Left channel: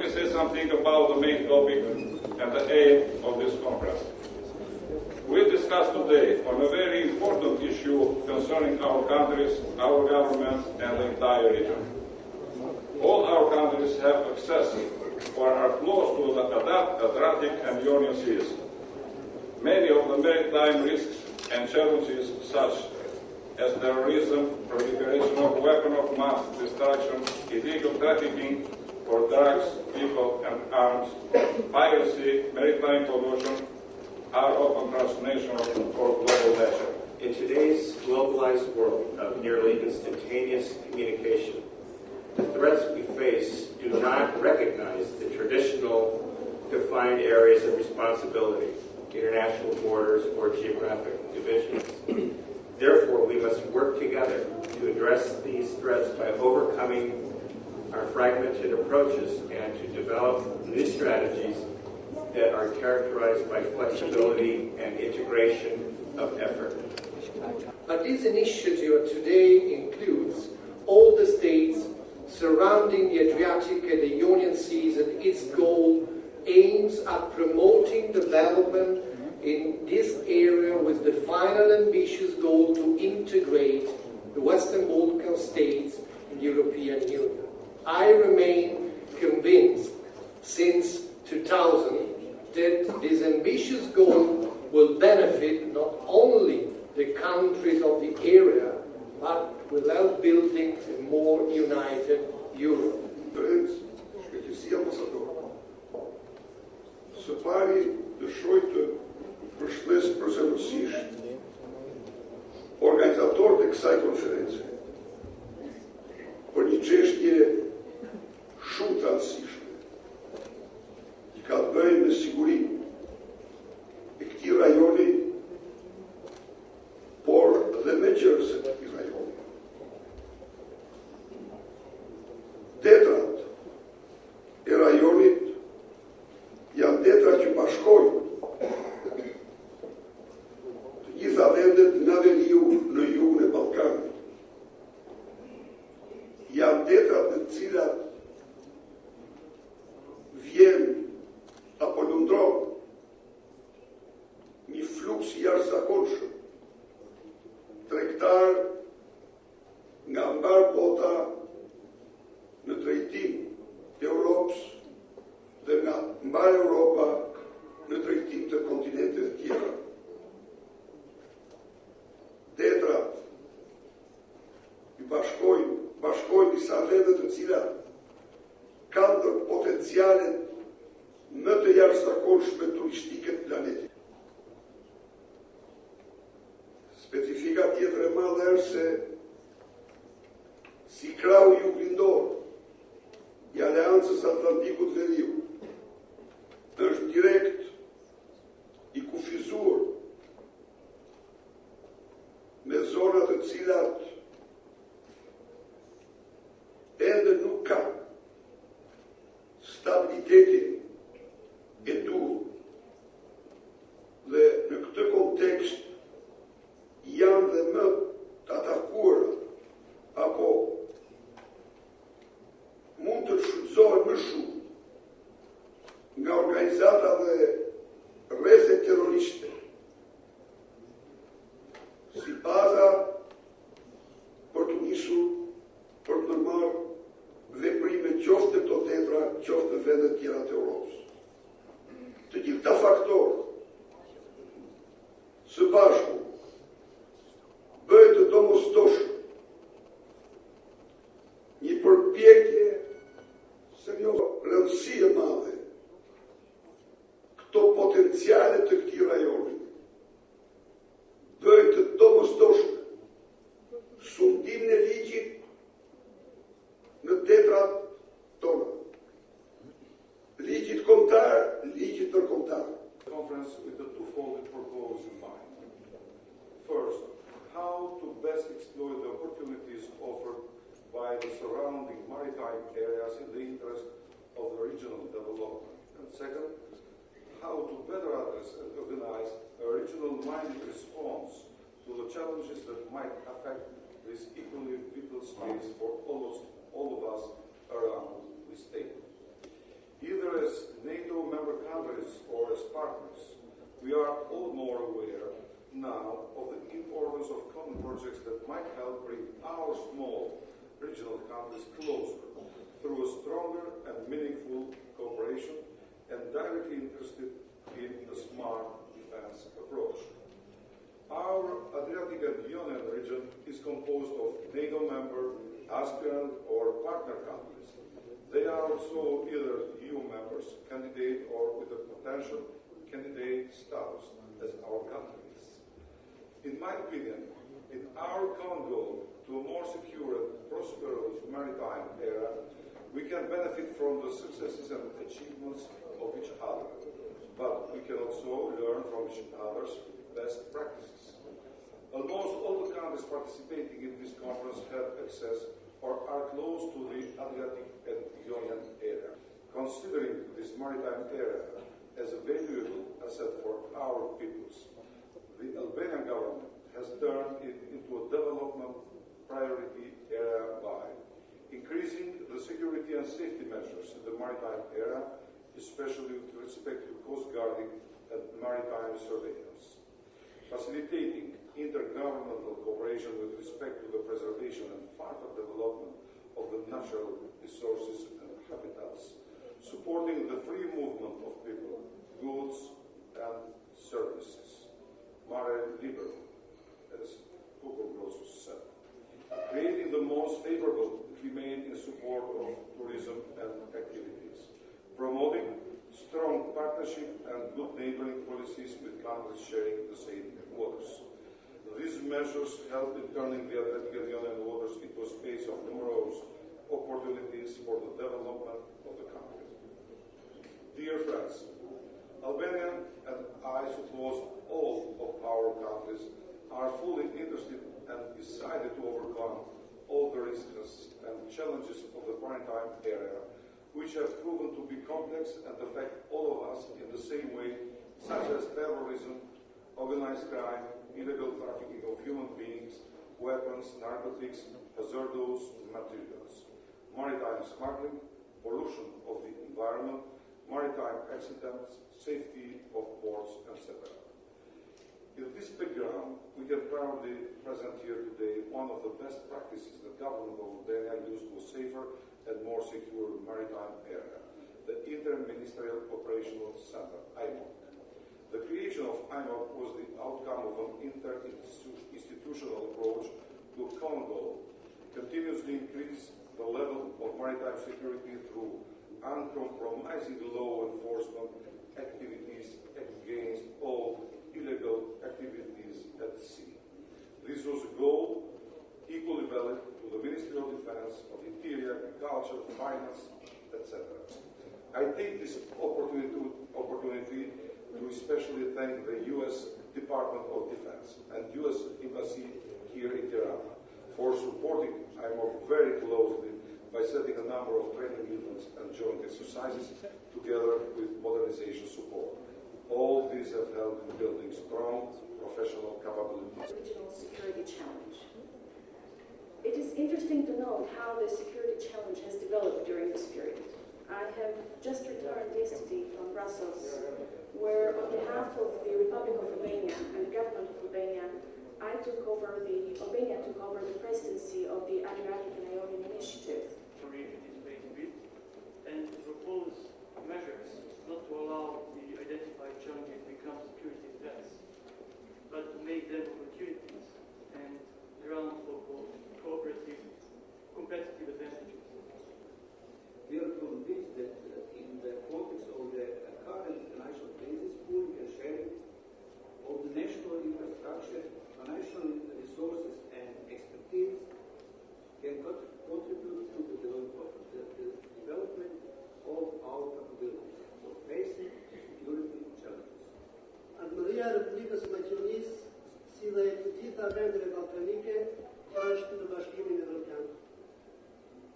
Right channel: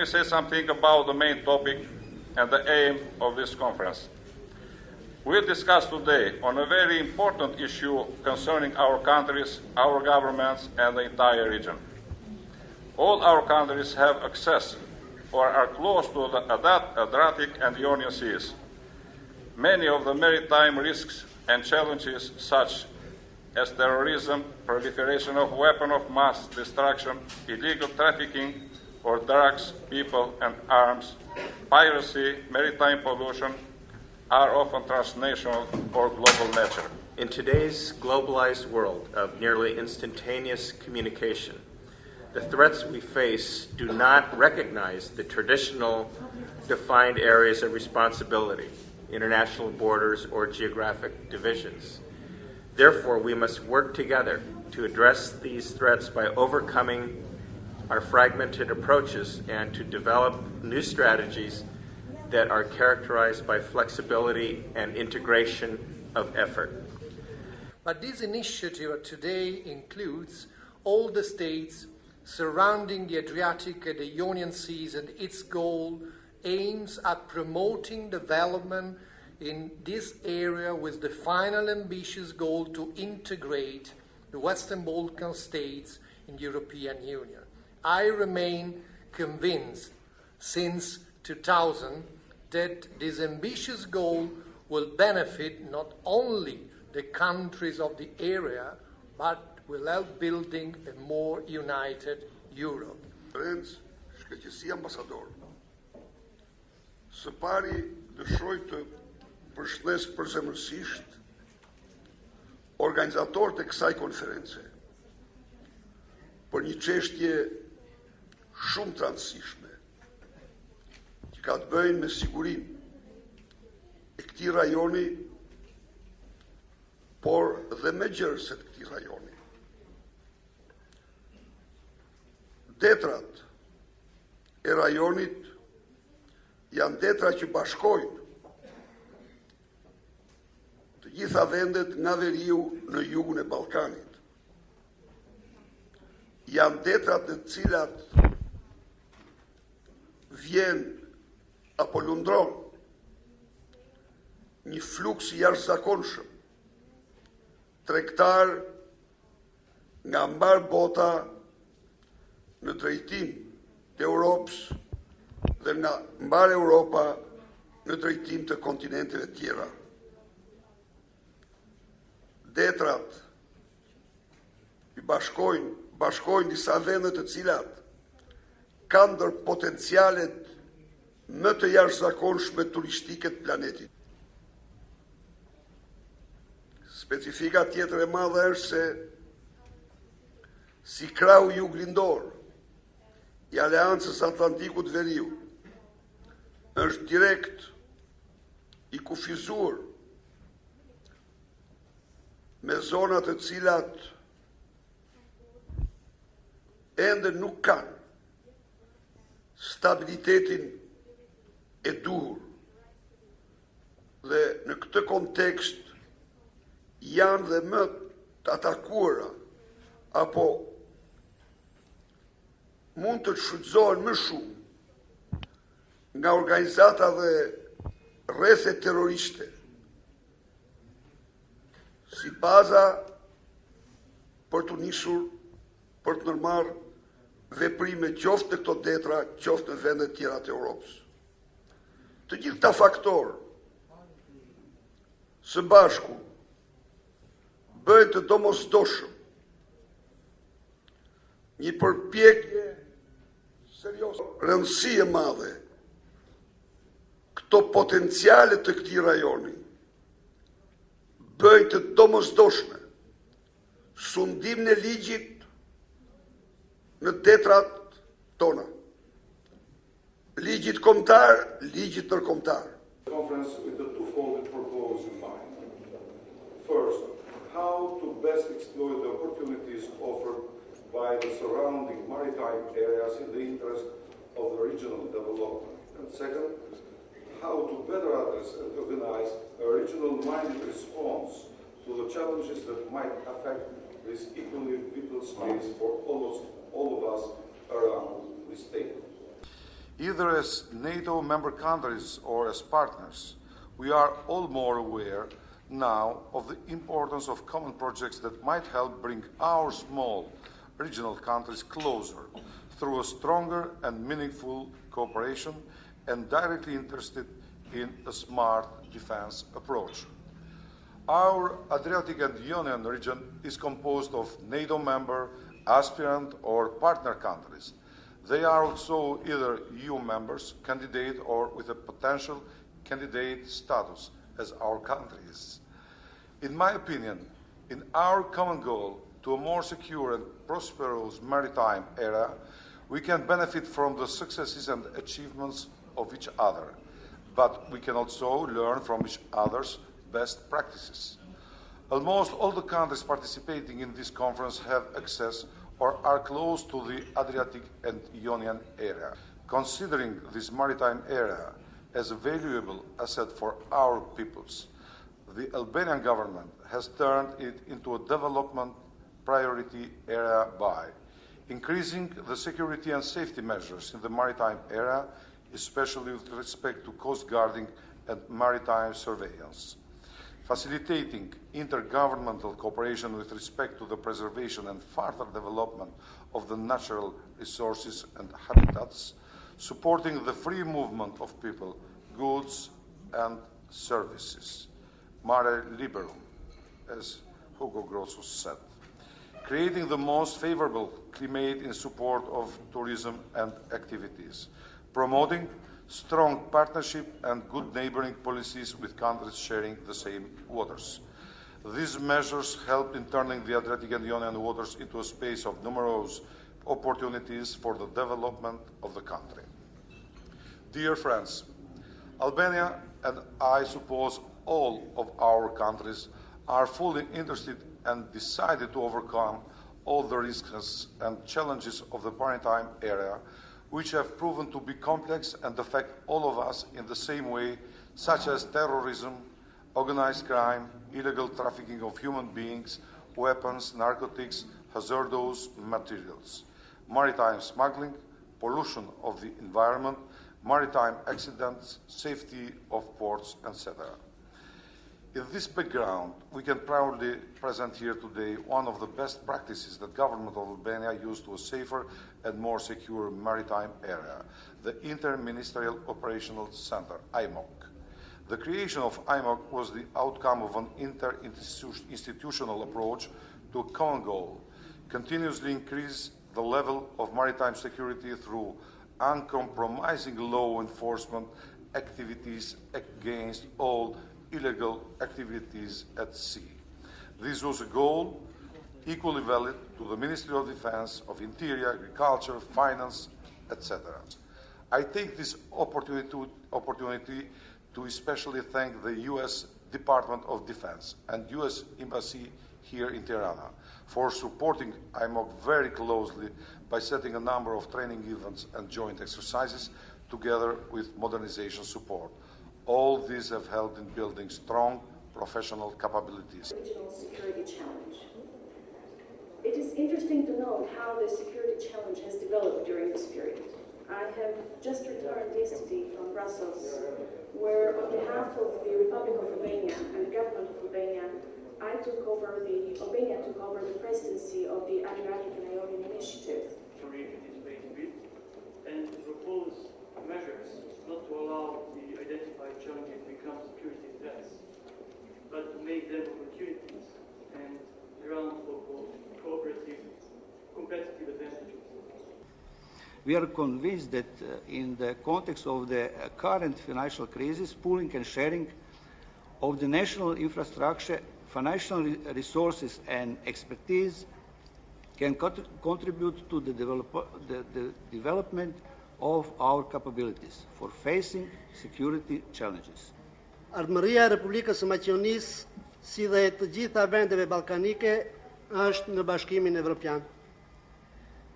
Let me say something about the main topic and the aim of this conference. We discuss today on a very important issue concerning our countries, our governments, and the entire region. All our countries have access or are close to the Adriatic and Ionian Seas. Many of the maritime risks and challenges, such as terrorism, proliferation of weapons of mass destruction, illegal trafficking for drugs, people, and arms, piracy, maritime pollution, are often transnational or global nature. In today's globalized world of nearly instantaneous communication, the threats we face do not recognize the traditional defined areas of responsibility, international borders, or geographic divisions. Therefore, we must work together to address these threats by overcoming our fragmented approaches and to develop new strategies that are characterized by flexibility and integration of effort. But this initiative today includes all the states surrounding the Adriatic and the Ionian Seas, and its goal aims at promoting development in this area with the final ambitious goal to integrate the Western Balkan states in the European Union. I remain convinced since 2000 that this ambitious goal will benefit not only the countries of the area, but will help building a more united Europe. Që si ambasador, së pari dëshiroj të përshëndes përzemërsisht organizatorët e kësaj konference për një çështje shumë të rëndësishme që ka të bëjë me sigurinë e këtij rajoni, por dhe me gjerësit e këtij rajoni. Detrat e rajonit janë detra që bashkojnë të gjitha vendet nga veriu në jugun e Ballkanit. Janë detrat në cilat vjen apo lundron një fluks jashtëzakonshëm tregtar nga mbar bota në drejtim të Europës dhe nga mbar Europa në drejtim të kontinenteve tjera. Detrat i bashkojnë disa vende të cilat kanë ndër potencialet më të jashtëzakonshme turistike të planetit. Specifika tjetër e madhe është se si krahu juglindor i Aleancës Atlantikut Veriu është direkt i kufizuar me zonat të cilat ende nuk kanë stabilitetin e duhur, dhe në këtë kontekst janë dhe më të atakuara apo mund të shfrytëzohen më shumë nga organizata dhe rrethe terroriste si baza për të nisur për të ndërmarrë veprime qoftë në këto detra, qoftë në vende tjera të Europës. Të gjithë këta faktorë së bashku bëjnë të domosdoshëm një përpjekje serioze, rëndësi e madhe këto potenciale të këtij rajoni bëjnë të domosdoshme sundimin e ligjit në detrat tona. Ligjit kombëtar, ligjit ndërkombëtar. Conference with a twofold purpose in mind. First, how to best exploit the opportunities offered by the surrounding maritime areas in the interest of the regional development. And second, how to better address and organize a regional-minded response to the challenges that might affect this equally vital space for almost all of us around this table. Either as NATO member countries or as partners, we are all more aware now of the importance of common projects that might help bring our small regional countries closer through a stronger and meaningful cooperation and directly interested in a smart defense approach. Our Adriatic and Ionian region is composed of NATO member, aspirant or partner countries. They are also either EU members, candidate or with a potential candidate status as our countries. In my opinion, in our common goal to a more secure and prosperous maritime era, we can benefit from the successes and achievements of each other, but we can also learn from each other's best practices. Almost all the countries participating in this conference have access or are close to the Adriatic and Ionian area. Considering this maritime area as a valuable asset for our peoples, the Albanian government has turned it into a development priority area by increasing the security and safety measures in the maritime area, especially with respect to coast guarding and maritime surveillance, facilitating intergovernmental cooperation with respect to the preservation and further development of the natural resources and habitats, supporting the free movement of people, goods and services, mare liberum, as Hugo Grosso said, creating the most favorable climate in support of tourism and activities, promoting strong partnership and good neighboring policies with countries sharing the same waters. These measures help in turning the Adriatic and Ionian waters into a space of numerous opportunities for the development of the country. Dear friends, Albania and I suppose all of our countries are fully interested and decided to overcome all the risks and challenges of the maritime area, which have proven to be complex and affect all of us in the same way, such as terrorism, organized crime, illegal trafficking of human beings, weapons, narcotics, hazardous materials, maritime smuggling, pollution of the environment, maritime accidents, safety of ports, etc. In this background, we can proudly present here today one of the best practices that government of Albania used to a safer and more secure maritime area, the Inter-Ministerial Operational Center, IMOC. The creation of IMOC was the outcome of an inter-institutional approach to a common goal, continuously increase the level of maritime security through uncompromising law enforcement activities against all illegal activities at sea. This was a goal equally valid to the Ministry of Defense, of Interior, Agriculture, Finance, etc. I take this opportunity to especially thank the U.S. Department of Defense and U.S. Embassy here in Tirana for supporting IMOC very closely by setting a number of training events and joint exercises together with modernization support. All these have helped in building strong professional capabilities. Regional security challenge. It is interesting to note how the security challenge has developed during this period. I have just returned yesterday from Brussels, where on behalf of the Republic of Albania and the government of Albania, Albania took over the presidency of the Adriatic and Ionian Initiative. The region is being built and to propose measures not to allow the identified challenges become security threats, but to make them opportunities and ground for cooperative, competitive advantages. We are convinced that in the context of the current financial crisis, pooling and sharing of the national infrastructure, financial resources and expertise can contribute to the development of our capabilities for facing security challenges. Ardhmëria e Republikës së Maqedonisë, si dhe të gjitha vendeve ballkanike, është në Bashkimin Evropian.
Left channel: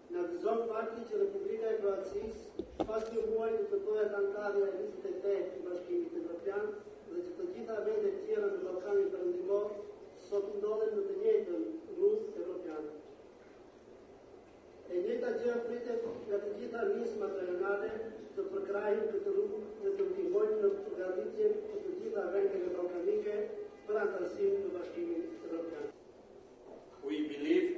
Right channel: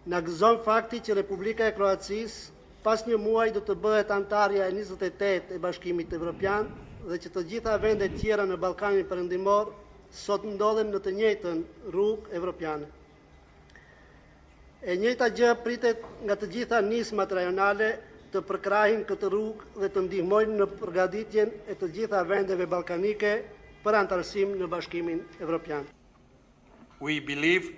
Na gëzon fakti që Republika e Kroacisë pas një muaj do të bëhet antarja e 28 e Bashkimit Evropian dhe që të gjitha vendet tjera në Ballkanin Perëndimor sot ndodhen në të njëjtën rrugë evropiane. E njëjta gjë pritet nga të gjitha nismat rajonale të përkrahin këtë rrugë dhe të ndihmojnë në përgatitjen e të gjitha vendeve ballkanike për antarësim në Bashkimin Europian. We believe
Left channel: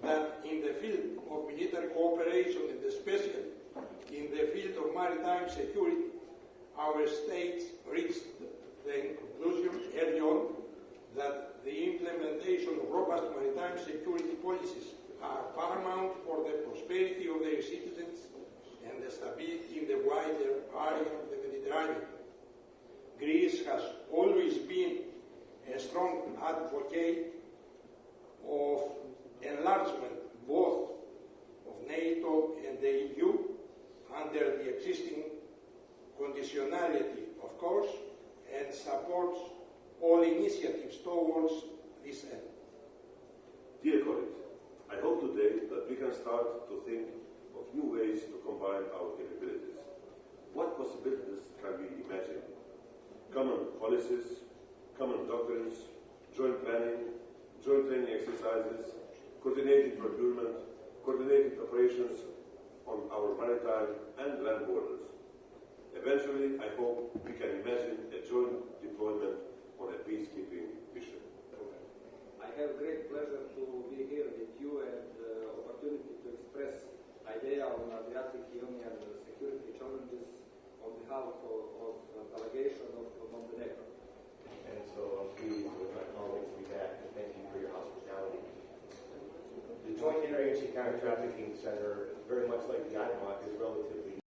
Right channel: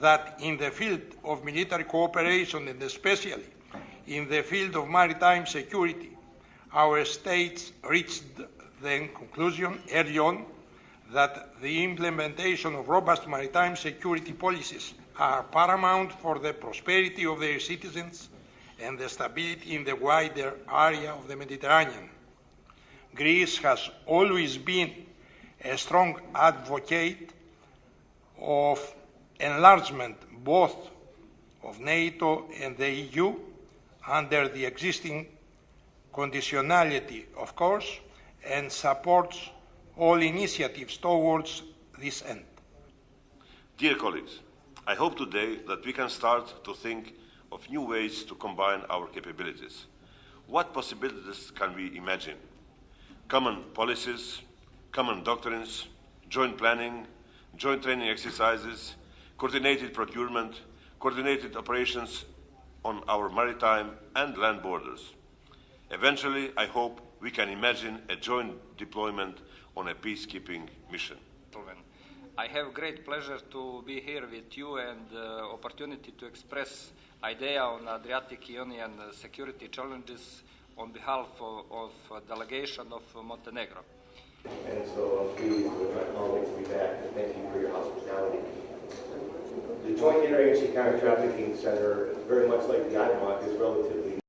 that in the field of military cooperation and especially in the field of maritime security, our states reached the conclusion early on that the implementation of robust maritime security policies are paramount for the prosperity of their citizens and the stability in the wider area of the Mediterranean. Greece has always been a strong advocate of enlargement both of NATO and the EU under the existing conditionality, of course, and supports all initiatives towards this end. Dear colleagues, I hope today that we can start to think of new ways to combine our capabilities. What possibilities can we imagine? Common policies, common doctrines, joint planning, joint training exercises, coordinated procurement, coordinated operations on our maritime and land borders. Eventually, I hope we can imagine a joint deployment on a peacekeeping mission. I have great pleasure to be here with you and opportunity to express idea on Adriatic Union security challenges on behalf of delegation of Montenegro. And so I'm pleased with my colleagues to be back, and thank you for your hospitality. The Joint Interagency Counter-Trafficking Center, very much like the IMOC, is relatively